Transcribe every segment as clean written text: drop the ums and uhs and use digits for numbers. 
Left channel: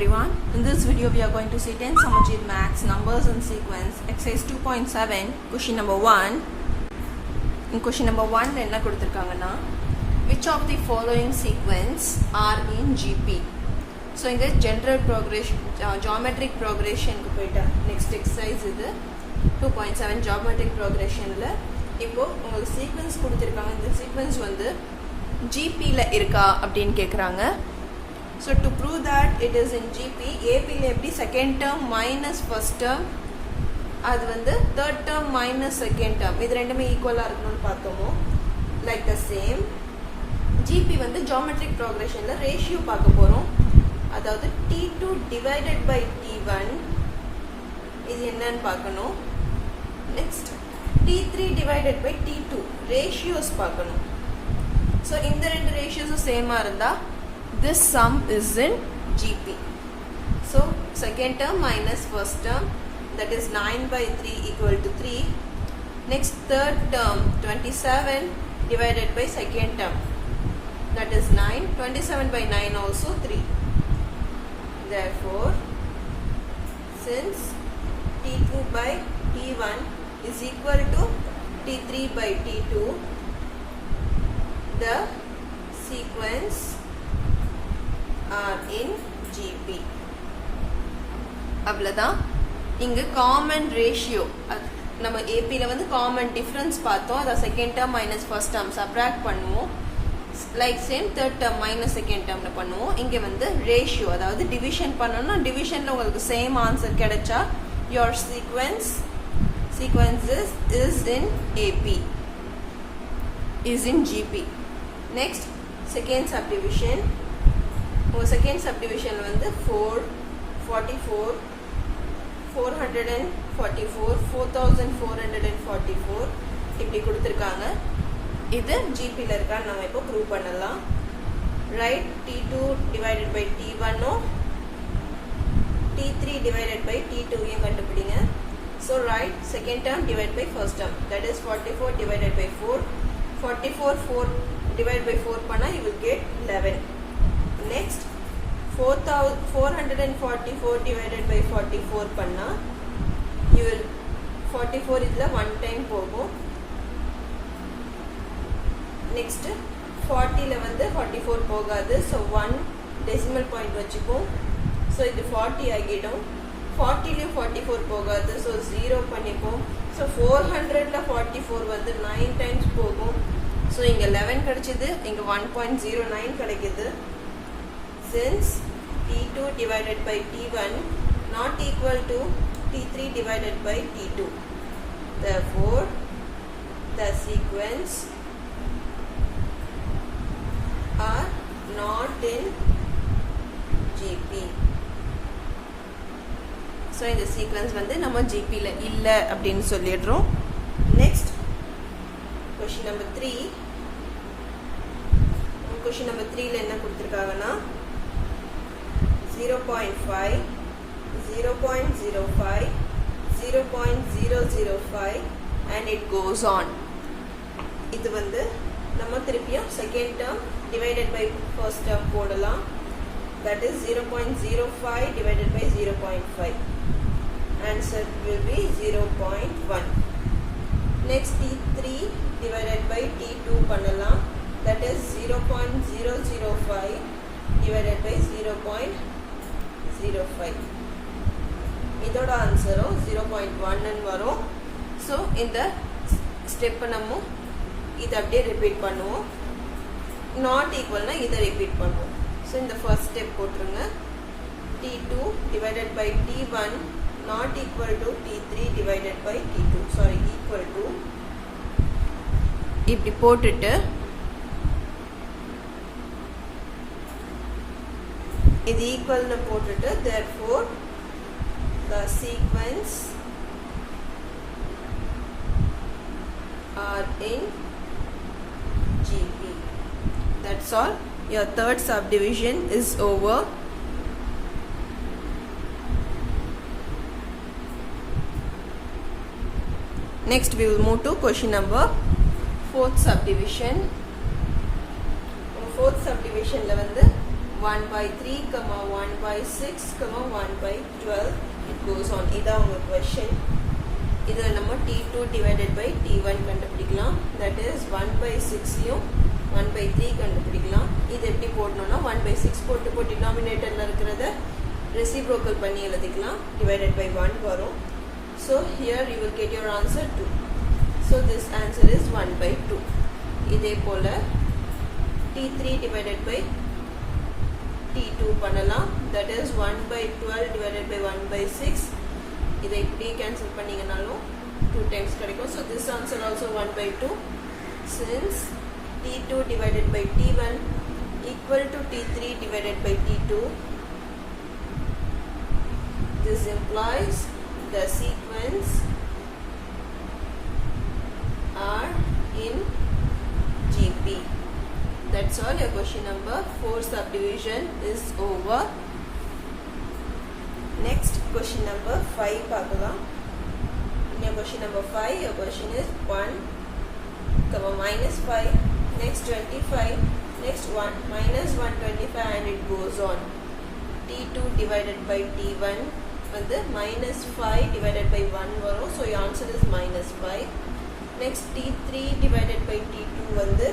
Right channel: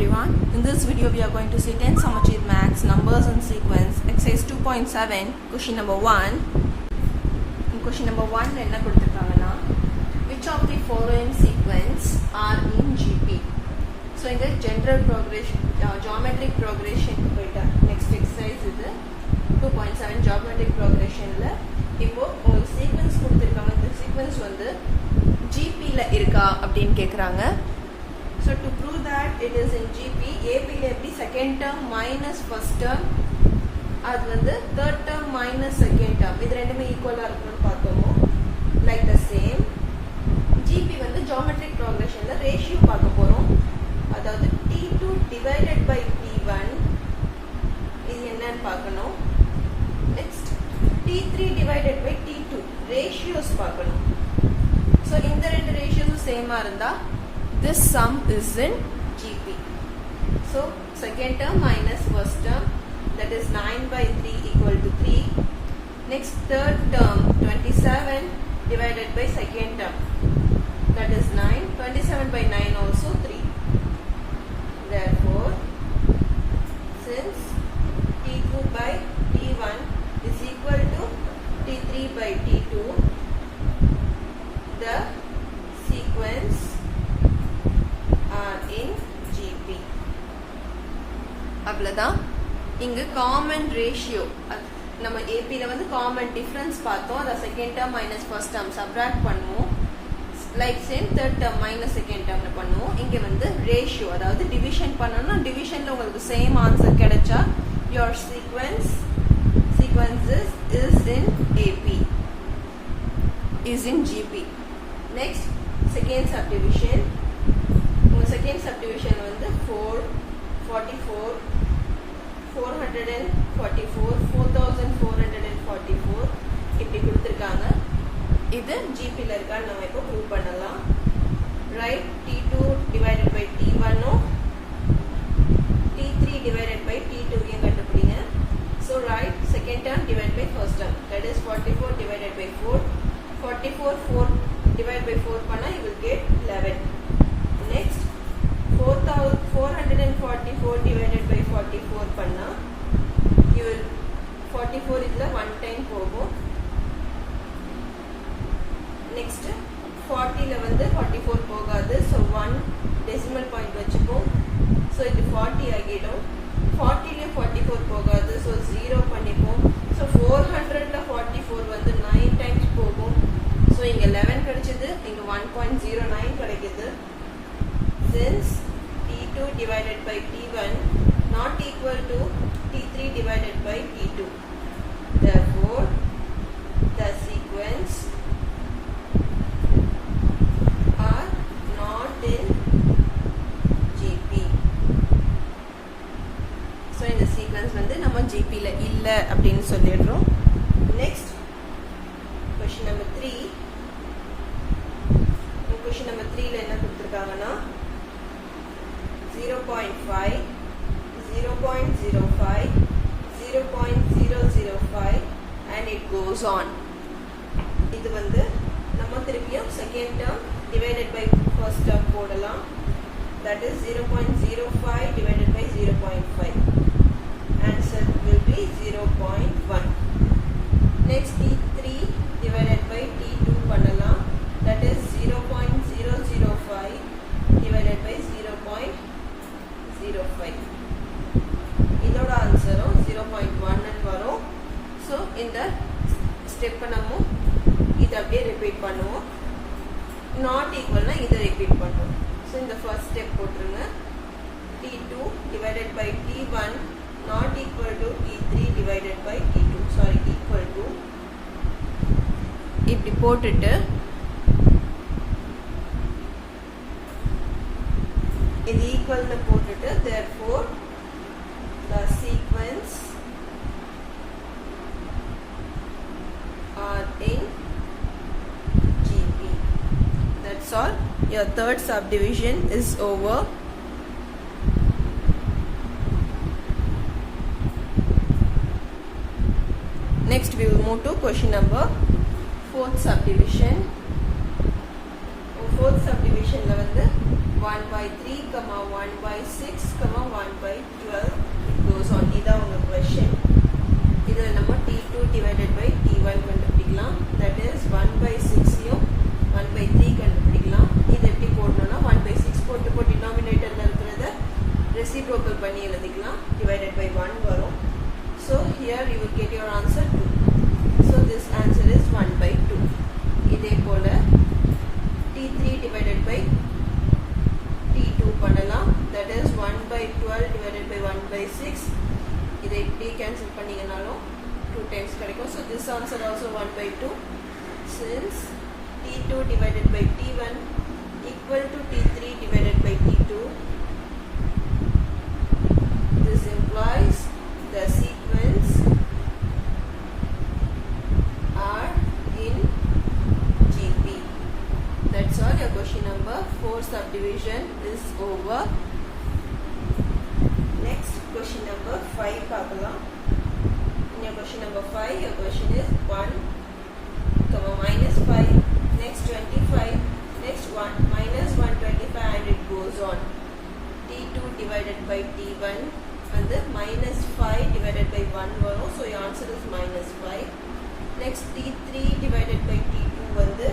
everyone. In this video we are going to see 10 Samachir Maths numbers and sequence exercise 2.7 question number 1. In question number 1 enna kuduthirukanga which of the following sequence are in GP. So in the general progression geometric progression ku poita next exercise idu 2.7 geometric progression la இப்போ உங்களுக்கு sequence கொடுத்திருக்காங்க. இந்த sequence வந்து GP la இருக்கா அப்படினு கேக்குறாங்க. So to prove that it is in GP, AP la எப்படி second term minus first term, அது வந்து third term minus second term, இது ரெண்டுமே ஈக்குவலா இருக்கணும்னு பார்த்தோமோ, like the same GP வந்து geometric progression ல ratio பார்க்க போறோம். அதாவது T2 divided by T1 இது என்னன்னு பார்க்கணும். Next T3 divided by T2 ratios பார்க்கணும். So இந்த ரெண்டு ratios சேமா இருந்தா this sum is in GP. So second term minus first term, that is 9 by 3 equal to 3. Next third term 27 divided by second term, that is 9. 27 by 9 also 3. Therefore since T2 by T1 is equal to T3 by T2, the sequence are in GP. அவ்வளவுதான். இங்க common ratio நம்ம AP ல வந்து common difference பார்த்தோம். அத second term minus first term subtract பண்ணுவோம். Like same third term minus second டேர்ம்ல பண்ணுவோம். இங்க வந்து ரேஷியோ அதாவது டிவிஷன் பண்ணனும்னா டிவிஷன்ல உங்களுக்கு சேம் ஆன்சர் கிடைச்சா your sequences is in AP, is in GP. Next second subdivision. Second subdivision வந்து 4, 44, 444, 4444 இப்படி கொடுத்திருக்காங்க. இது GP ல இருக்கா நம்ம இப்போ ப்ரூவ் பண்ணலாம். Write T2 divided by T1 T3 divided by T2 யும் கண்டுபிடிங்க. So write second term divided by first term, that is 44 divided by 4. 4 divided by 4 பண்ணா you will get 11. Next 444 divided by 44 பண்ணா you will 44 இதுல 1 time போகும். Next 40 ல வந்து 44 போகாது, so 1 decimal point வச்சுப்போம். So இது 40 ஆகிடும். 40 ல 44 போகாது, so 0 பண்ணிப்போம். So 400 ல 44 வந்து 9 times போகும். So இங்க 11 கிடைச்சது, இங்க 1.09 கிடைக்குது. Since T2 divided by T1 not equal to T3 divided by T2, therefore the sequence are not in GP. So இந்த sequence வந்து நம்ம GP ல இல்ல அப்படினு சொல்லிடுறோம். Next question number 3. Question number 3 ல என்ன கொடுத்திருக்காங்கன்னா 0.5, 0.05, 0.005 and it goes on. இது வந்து நம்ம திருப்பியும் second term divided by first term போடலாம். That is 0.05 divided by 0.5. Answer will be 0.1. Next T3 divided by T2 பண்ணலாம். That is 0.005 divided by 0.05. இதோட ஆன்சரும் 0.1 ன்னு வரும். So இந்த ஸ்டெப் நம்ம இத அப்படியே ரிப்பீட் பண்ணுவோம். நாட் ஈக்குவல்னா இத ரிப்பீட் பண்ணுவோம். So இந்த ஃபர்ஸ்ட் ஸ்டெப் போட்டுருங்க. T2 divided by T1 not equal to T3 divided by T2. Sorry, equal to இப்படி போட்டுட்டு இது ஈக்குவல்னு போட்டுட்டு therefore the sequence are in GP. That's all. Your third subdivision is over. Next we will move to question number 4th subdivision. Fourth subdivision ல வந்து 1 by 3, 1 by 6, 1 by 12. It goes on. இதான் உங்க question. இதில் நம்ம T2 divided by T1 கண்டுபிடிக்கலாம். That is 1 by 6யும் 1 by 3 கண்டுபிடிக்கலாம். இது எப்படி போடணும்னா 1 by 6 போட்டு denominatorல இருக்கிறத reciprocal பண்ணி எழுதிக்கலாம். Divided by 1 வரும். So here you will get your answer 2. So this answer is 1 by 2. இதே போல T3 divided by T2 பண்ணலாம். That is 1 by 12 divided by 1 by 6. இதை இப்படி கேன்சல் பண்ணீங்கனாலும் 2 times கிடைக்கும். So this answer also 1 by 2. Since T2 divided by T1 equal to T3 divided by T2, this implies the sequence are in GP. That's all. Your question number 4 subdivision is over. Next question number 5 பார்க்கலாம். In your question number 5, your question is 1, minus 5, next 25, next 1, minus 125 and it goes on. T2 divided by T1 வந்து minus 5 divided by 1 வரும். So your answer is minus 5. Next T3 divided by T2 வந்து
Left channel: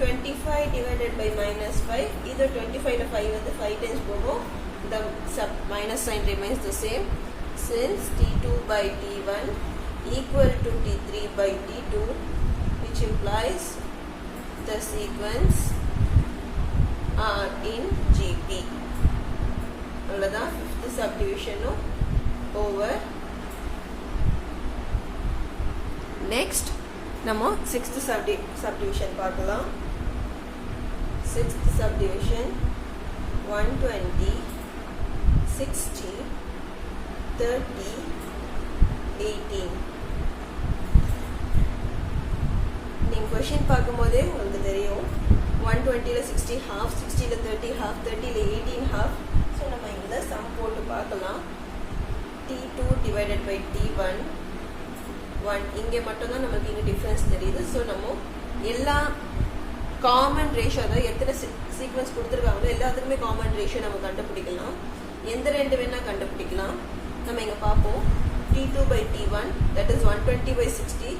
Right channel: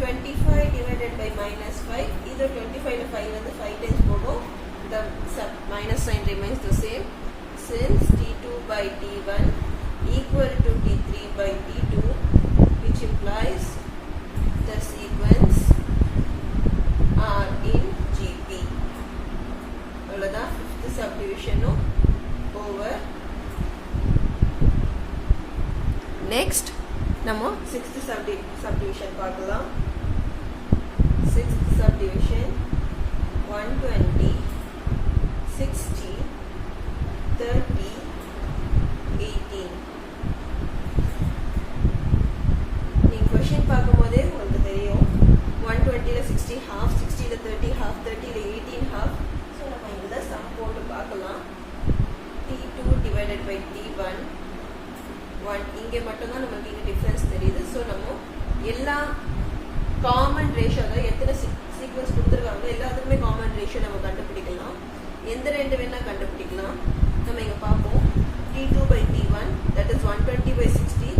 25 divided by minus 5. Either 25 to 5 வந்து 5 times போகும். The minus sign remains the same. Since T2 by T1 equal to T3 by T2, which implies the sequence are in GP. அவ்வளவுதான். 5th subdivision over. Next நம்ம 6th subdivision பார்க்கலாம். 6th subdivision 120, 60, 30, 18. நீங்க question பார்க்கும்போதே உங்களுக்கு தெரியும் 120ல 60 half, 60ல 30 half, 30ல 18 half. ஸோ நம்ம இந்த சம் போட்டு பார்க்கலாம். T2 divided by T1 1. இங்கே மட்டும்தான் நமக்கு இங்கே டிஃப்ரென்ஸ் தெரியுது. ஸோ நம்ம எல்லா காமன் ரேஷியோ, அதாவது எத்தனை சீக்வன்ஸ் கொடுத்துருக்காங்களோ எல்லாத்துக்குமே காமன் ரேஷியோ நம்ம கண்டுபிடிக்கலாம். எந்த ரெண்டு வேணா கண்டுபிடிக்கலாம். நம்ம இங்கே பார்ப்போம். T2 by T1 that is 120 by 60,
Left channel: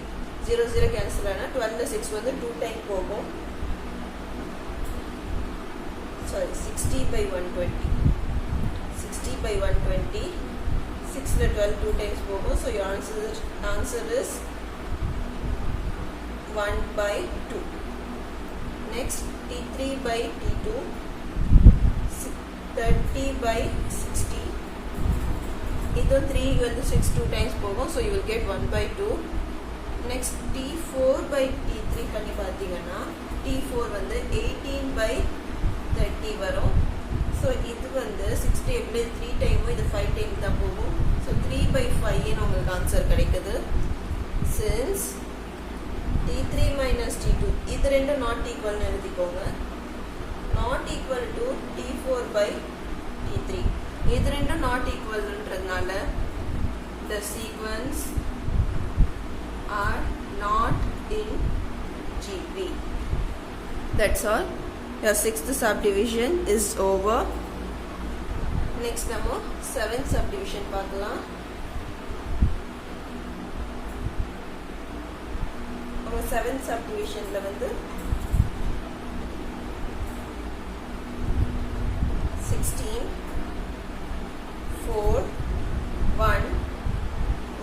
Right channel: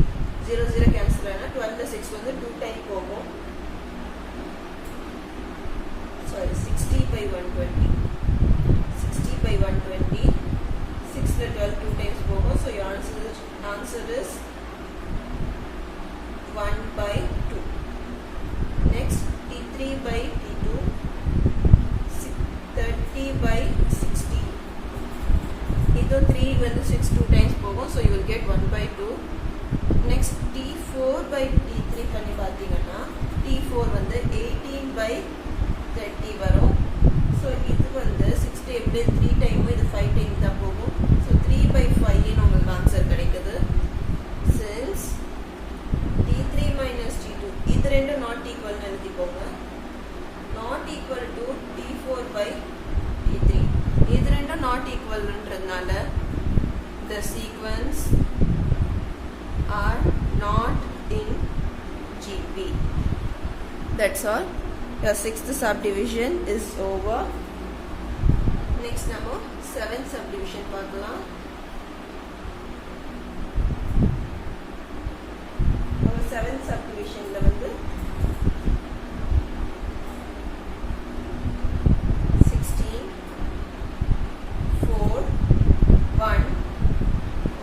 0 0 கேன்சல் ஆனால் 12ல 6 வந்து 2 டைம் போகும். சாரி 60 by 120, 60 by 120, 6ல 12 2 times போகும். So your answer is 1 by 2. Next T3 by T2 30 by 60. இது 3 வந்து 6 2 times போகும். So you will get 1 by 2. Next T4 by T3 பண்ணி பார்த்தீங்கன்னா T4 வந்து 18 by 30 வரும். So இது வந்து 60 எப்படி 3 டைம் இது 5 டைம் தான் போகும். So 3 by 5 ன்னு உங்களுக்கு ஆன்சர் கிடைக்குது. Since T3 minus T2 இது ரெண்டும் not equal ன்னு எழுதிக்கோங்க. Not equal to T4 by T3 இது ரெண்டும் not equal ன்றதுனால the sequence are not in GP. That's all. Your 6th subdivision is over. Next நம்ம 7th subdivision பார்க்கலாம். நம்ம 7th subdivisionல வந்து 16, 4, 1,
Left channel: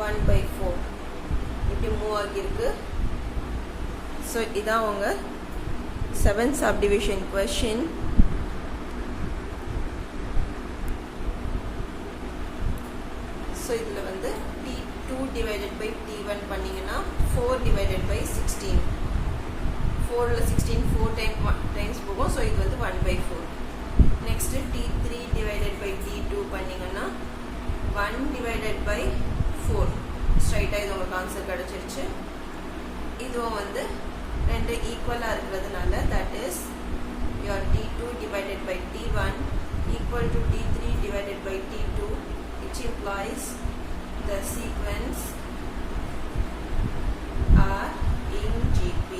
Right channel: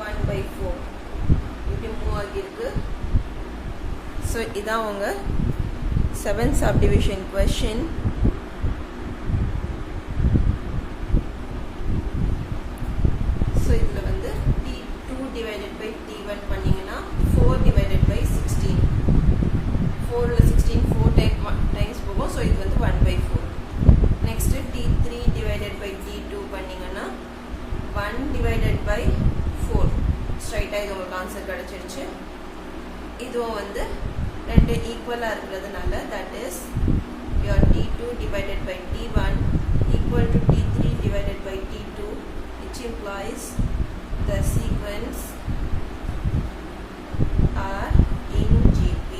1 by 4 இப்படி மூவ் ஆகியிருக்கு. ஸோ இதான் உங்க 7th subdivision question. ஸோ இதில் வந்து T2 divided by T1 பண்ணிங்கன்னா 4 divided by 16. 4ல 16 4 times போகும். ஸோ இது வந்து 1 by 4. Next T3 divided by T2 பண்ணிங்கன்னா 1 divided by 4. ஸ்ட்ரைட்டாக இது உங்களுக்கு ஆன்சர் கிடைச்சிருச்சு. இதுவும் வந்து ரெண்டு ஈக்குவலாக இருக்கிறதுனால that is your T2 divided by T1 equal to T3 divided by T2, which implies the sequence are in GP.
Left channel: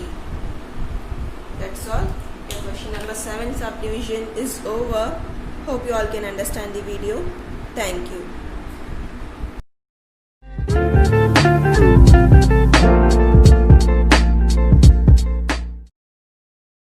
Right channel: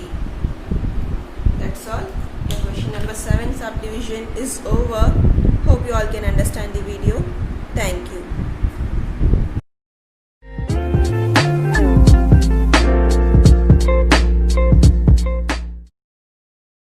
That's all. Okay, question number 7 subdivision is over. Hope you all can understand the video. Thank you.